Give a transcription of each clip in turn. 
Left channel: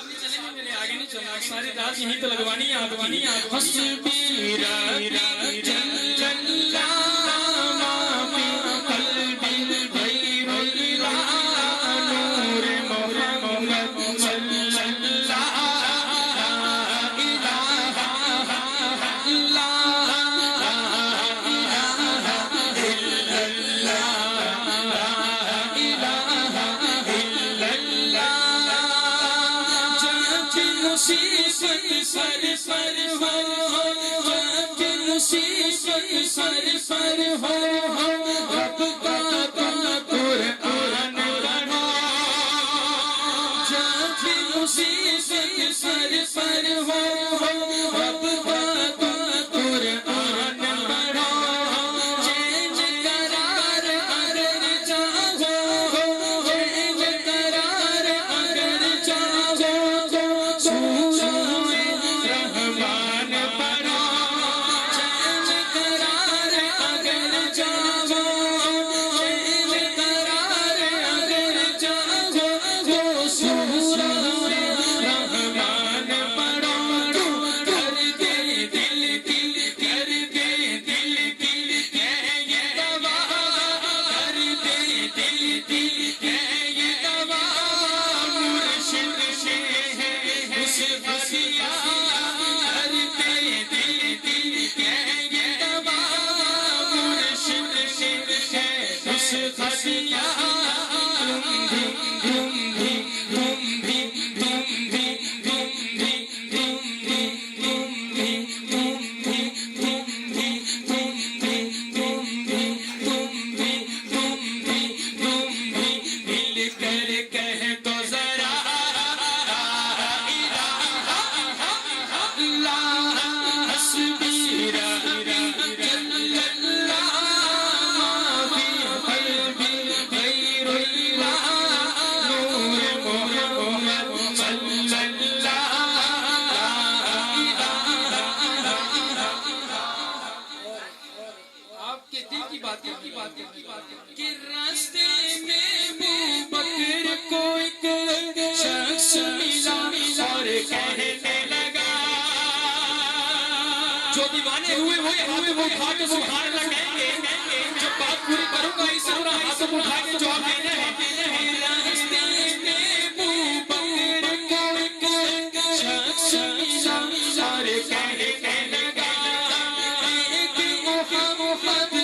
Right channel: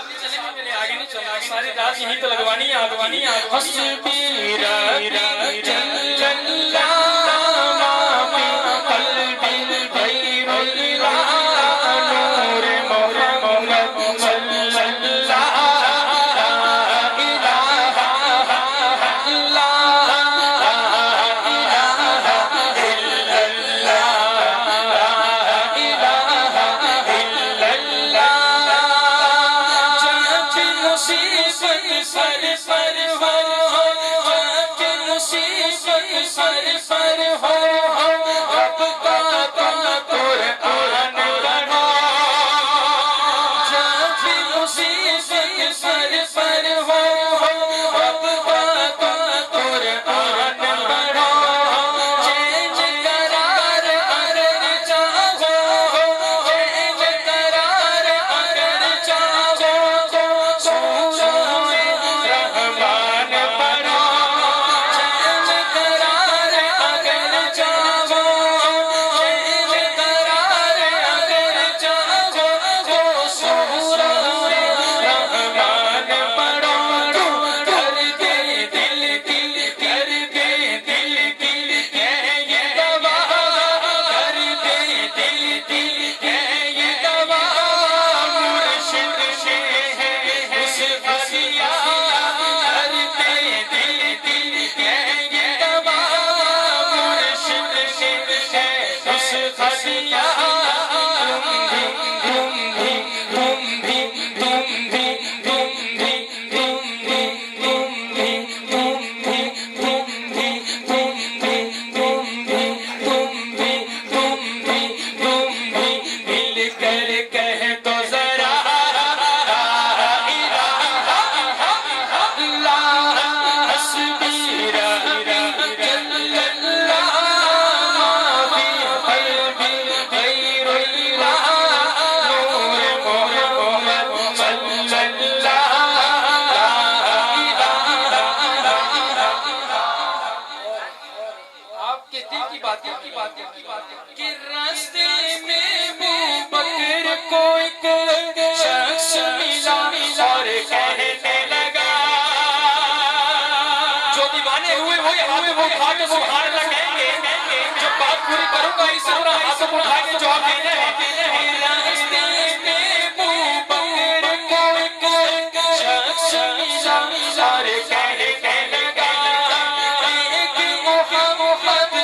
آگے نہیں چلنا ساری رات یہیں تو لگوانی ہے آگوانی حسبی ربی جل اللہ ما فی قلبی غیر اللہ نور محمد صلی اللہ سر پر ہو رب کا قرآن پڑھو جب مصیبت سر پر ہو رب کا قرآن پڑھو چینج قرار اگر چاہو چینج قرار اگر چاہو سورہ رحمان پڑھو کہ راستے میں ابو بکر کو ایک شخص ملا اور کہنے لگا جو دیوانے ہوئے وہ ہاتھ سبحان اللہ کہیں گے جب بات پوری کروں گا اس طرح ہاتھ اٹھا کے جواب دینا ہے راستے میں ابو بکر کو ایک شخص ملا اور کہنے لگا ایک محمد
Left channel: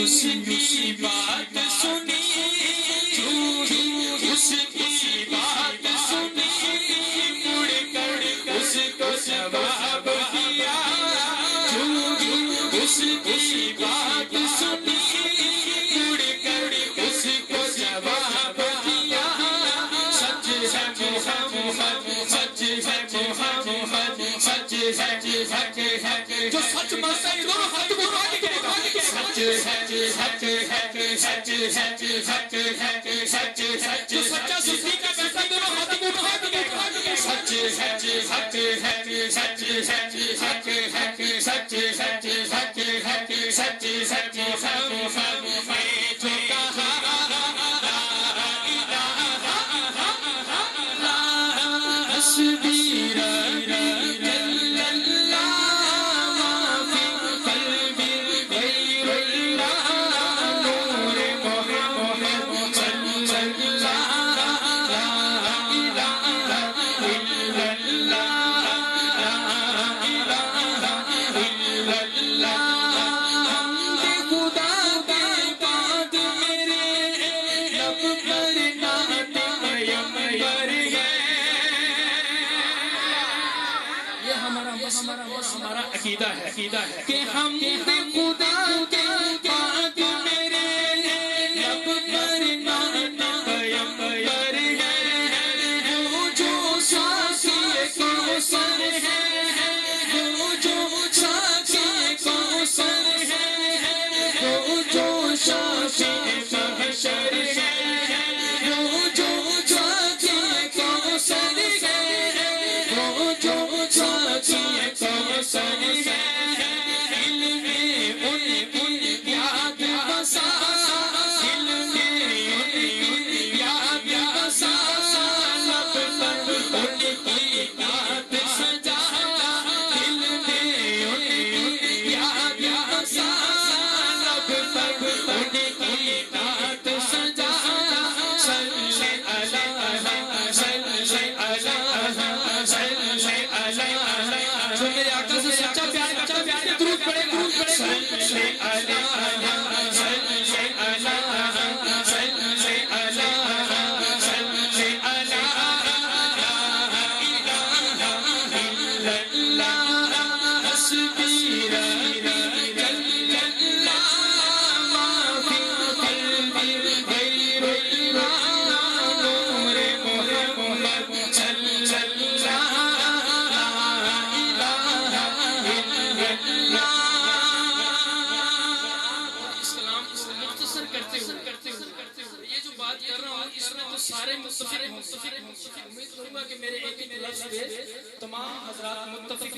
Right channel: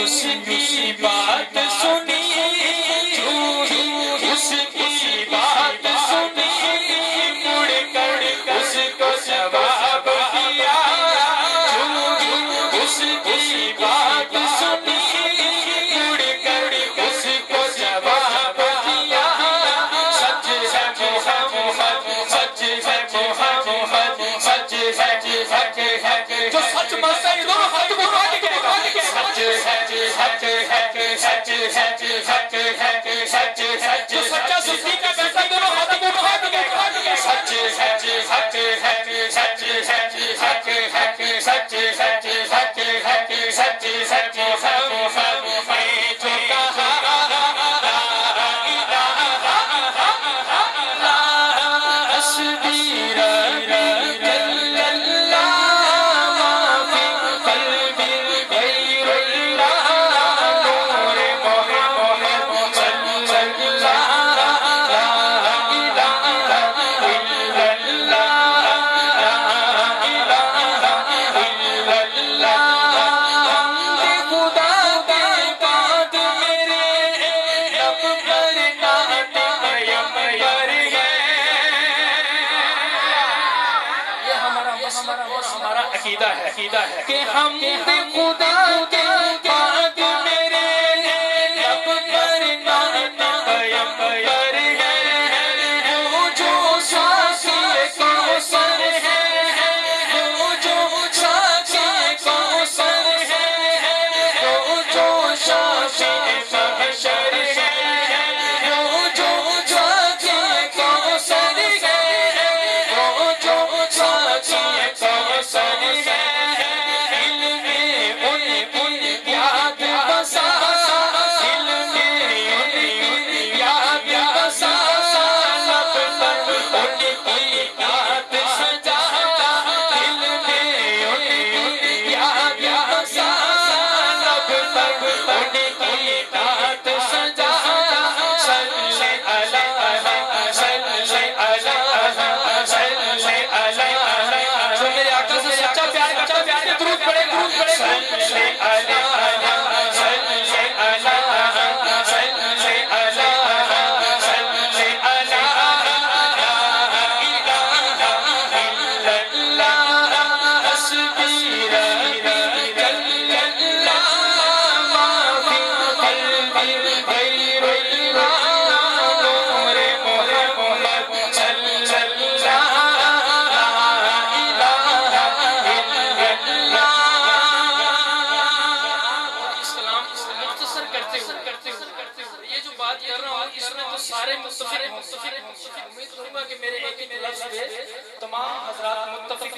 اس کی بات سنی اس کی بات سنی مڑ کر اس کو جواب دیا اس کی بات سنی مڑ کر اس کو جواب دیا سچ ہے محمد سچ ہے محمد سچ ہے سچ ہے جو سچ مانتا ہے دونوں ہاتھ اٹھا کے سچ ہے سچ ہے سچ ہے سچ ہے سچ ہے جو سچا صدیق کا بیٹا دونوں ہاتھ اٹھا کے سچ ہے سچ ہے سچ ہے سچ ہے سچ ہے سچ ہے سچ سچ محمد میں جو کہا حسبی ربی جل اللہ ما فی قلبی غیر اللہ نور محمد صلی اللہ لا الہ الا اللہ لا الہ عقیدہ ہے کہ ہم خدا کے پاک میرے لب پر پیغمبر ہے وہ جو ساقی کوثر ہے وہ جو ساقی کوثر ہے وہ جو شافع محشر ہے وہ جو ساقی کوثر ہے وہ جو ساقی کوثر ہے سارے متفق امید کروں گا کہ میرے ایک ایک لفظ پہ تمام حضرات متفق